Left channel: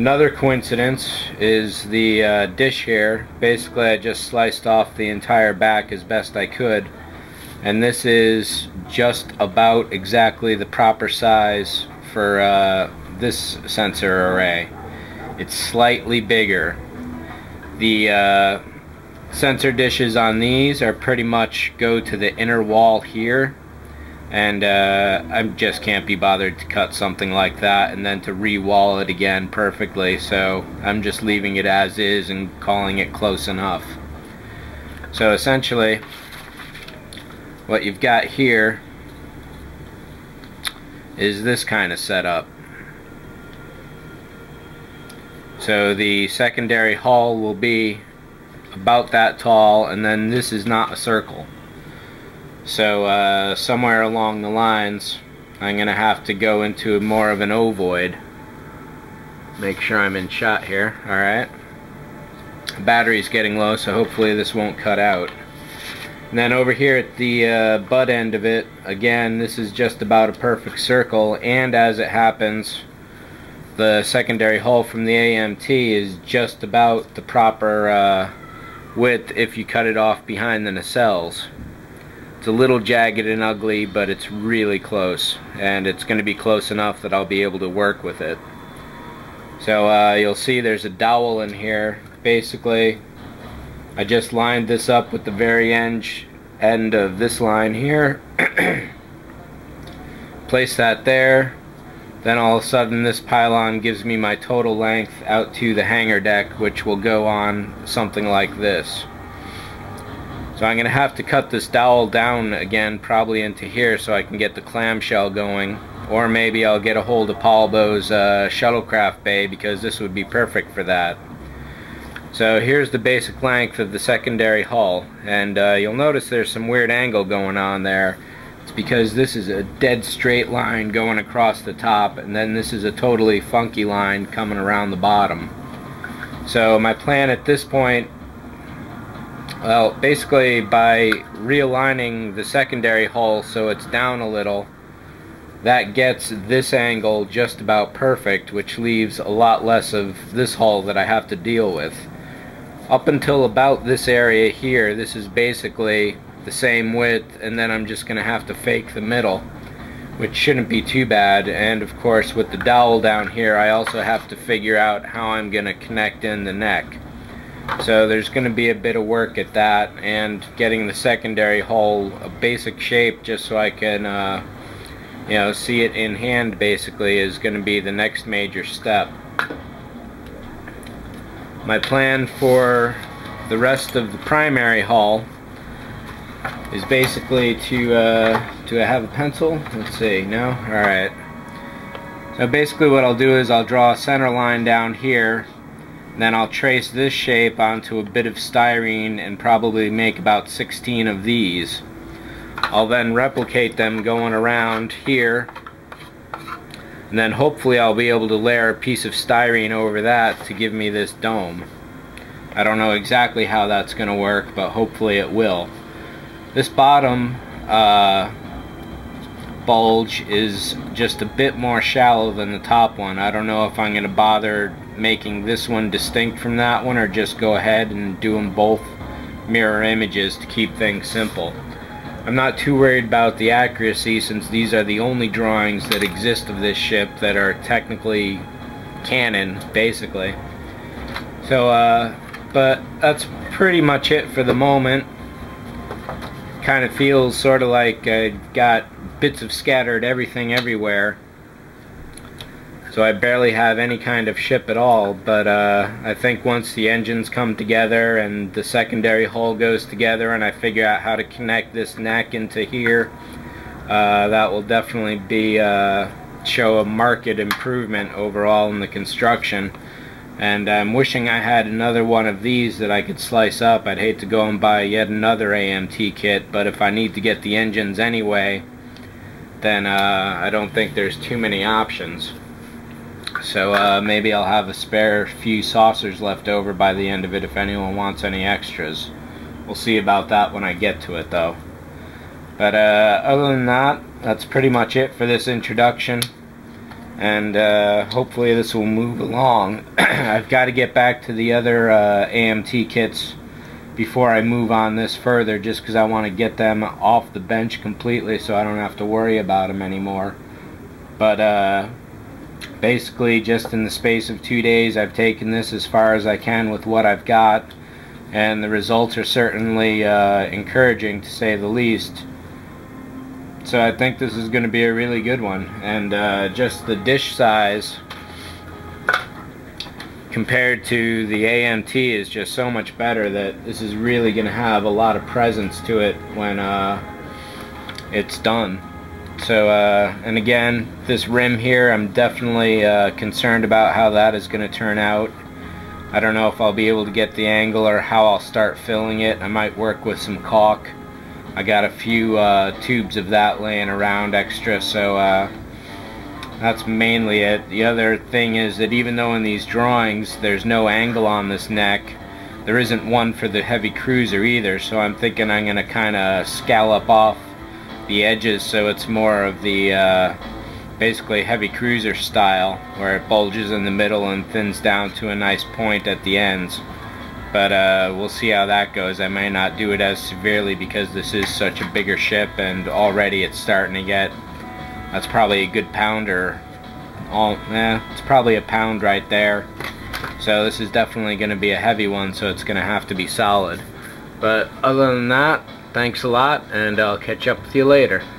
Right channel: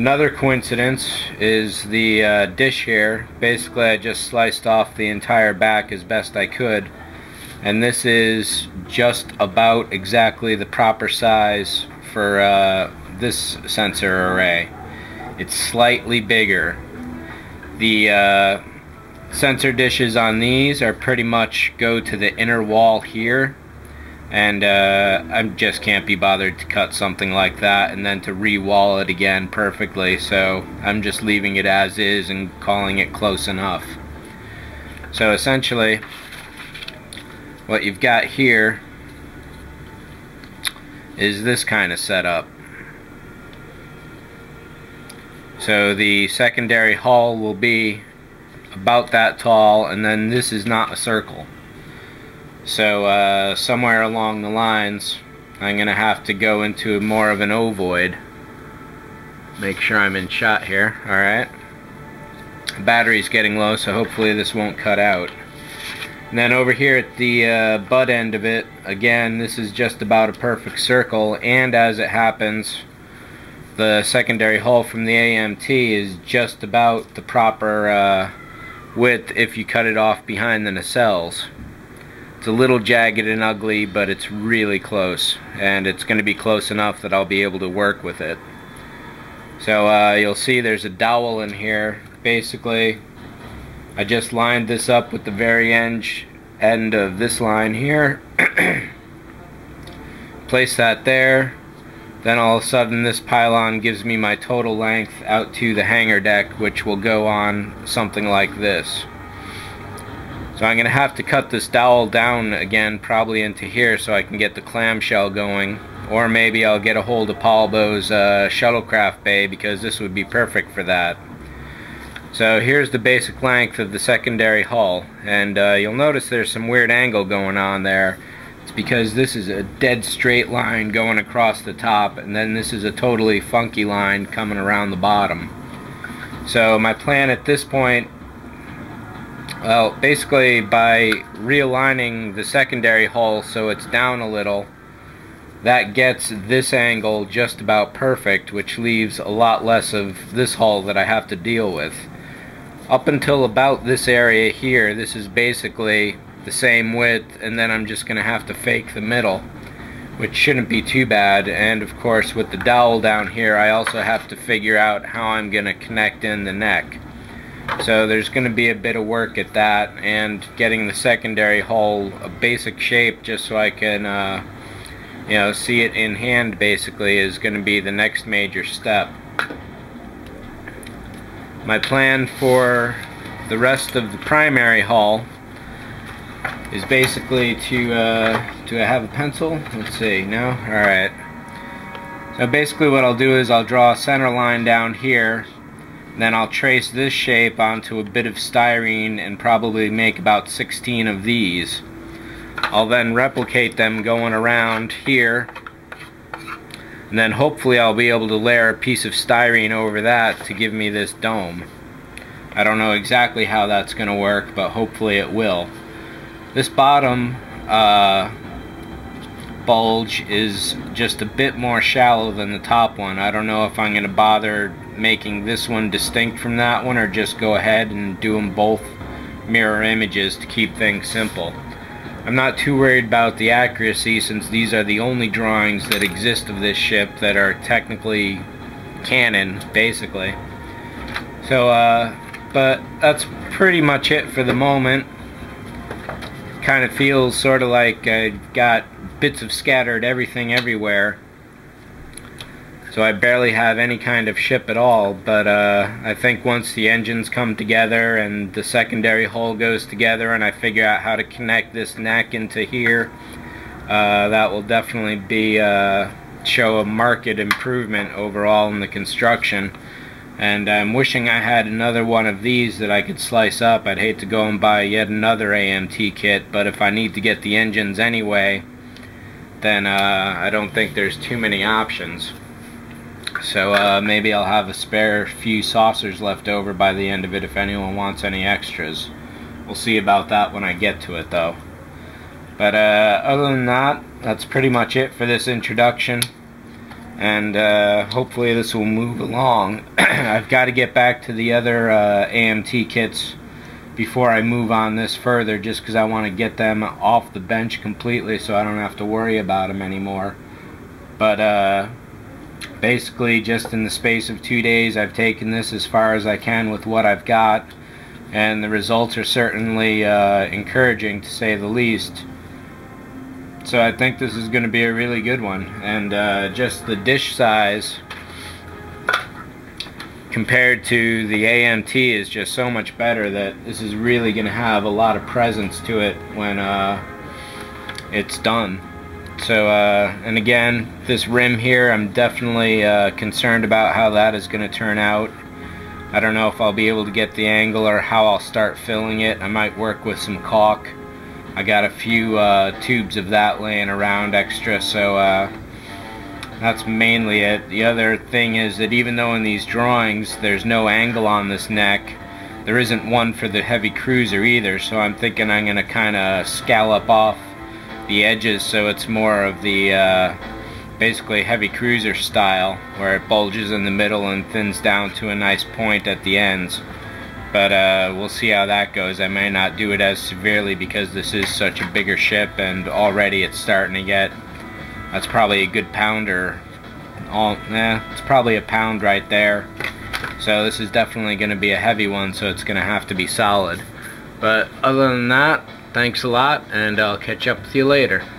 Another coincidence is the dish here. Basically, I just sliced off the entire back as best I could, and this is just about exactly the proper size for this sensor array. It's slightly bigger. The sensor dishes on these are pretty much go to the inner wall here, and I just can't be bothered to cut something like that and then to re-wall it again perfectly, so I'm just leaving it as is and calling it close enough. So essentially what you've got here is this kind of setup. So the secondary hull will be about that tall, and then this is not a circle. So somewhere along the lines I'm going to have to go into more of an ovoid. Make sure I'm in shot here. Alright. The battery's getting low, so hopefully this won't cut out. And then over here at the butt end of it, again, this is just about a perfect circle, and as it happens, the secondary hull from the AMT is just about the proper width if you cut it off behind the nacelles. It's a little jagged and ugly, but it's really close, and it's going to be close enough that I'll be able to work with it. So you'll see there's a dowel in here. Basically, I just lined this up with the very end of this line here. Place that there. Then all of a sudden this pylon gives me my total length out to the hangar deck, which will go on something like this. So I'm going to have to cut this dowel down again, probably into here, so I can get the clamshell going. Or maybe I'll get a hold of Paul Bo's shuttlecraft bay, because this would be perfect for that. So here's the basic length of the secondary hull, and you'll notice there's some weird angle going on there. It's because this is a dead straight line going across the top, and then this is a totally funky line coming around the bottom. So my plan at this point, well, basically by realigning the secondary hull so it's down a little, that gets this angle just about perfect, which leaves a lot less of this hull that I have to deal with. Up until about this area here, this is basically the same width, and then I'm just going to have to fake the middle, which shouldn't be too bad. And of course, with the dowel down here, I also have to figure out how I'm going to connect in the neck. So there's going to be a bit of work at that, and getting the secondary hull a basic shape just so I can you know, see it in hand basically is going to be the next major step. My plan for the rest of the primary hull is basically to do I have a pencil? Let's see, no? Alright. So basically what I'll do is I'll draw a center line down here, then I'll trace this shape onto a bit of styrene and probably make about 16 of these. I'll then replicate them going around here, and then hopefully I'll be able to layer a piece of styrene over that to give me this dome. I don't know exactly how that's going to work, but hopefully it will. This bottom bulge is just a bit more shallow than the top one. I don't know if I'm going to bother making this one distinct from that one, or just go ahead and do them both mirror images to keep things simple. I'm not too worried about the accuracy, since these are the only drawings that exist of this ship that are technically canon, basically. So, but that's pretty much it for the moment. Kind of feels sort of like I got bits of scattered everything everywhere. So I barely have any kind of ship at all, but I think once the engines come together and the secondary hull goes together and I figure out how to connect this neck into here, that will definitely be show a marked improvement overall in the construction. And I'm wishing I had another one of these that I could slice up. I'd hate to go and buy yet another AMT kit, but if I need to get the engines anyway, then I don't think there's too many options. So maybe I'll have a spare few saucers left over by the end of it if anyone wants any extras. We'll see about that when I get to it, though. But other than that, that's pretty much it for this introduction. and hopefully this will move along. I've got to get back to the other AMT kits before I move on this further, just because I want to get them off the bench completely so I don't have to worry about them anymore. But basically, just in the space of 2 days, I've taken this as far as I can with what I've got, and the results are certainly encouraging, to say the least. So I think this is going to be a really good one. And just the dish size compared to the AMT is just so much better that this is really going to have a lot of presence to it when it's done. So, and again, this rim here, I'm definitely concerned about how that is going to turn out. I don't know if I'll be able to get the angle or how I'll start filling it. I might work with some caulk. I got a few tubes of that laying around extra, so that's mainly it. The other thing is that even though in these drawings there's no angle on this neck, there isn't one for the heavy cruiser either, so I'm thinking I'm going to kind of scallop off the edges so it's more of the basically heavy cruiser style, where it bulges in the middle and thins down to a nice point at the ends. But we'll see how that goes. I may not do it as severely because this is such a bigger ship, and already it's starting to get, that's probably a good pounder. It's probably a pound right there. So this is definitely going to be a heavy one, so it's going to have to be solid. But other than that, thanks a lot, and I'll catch up with you later.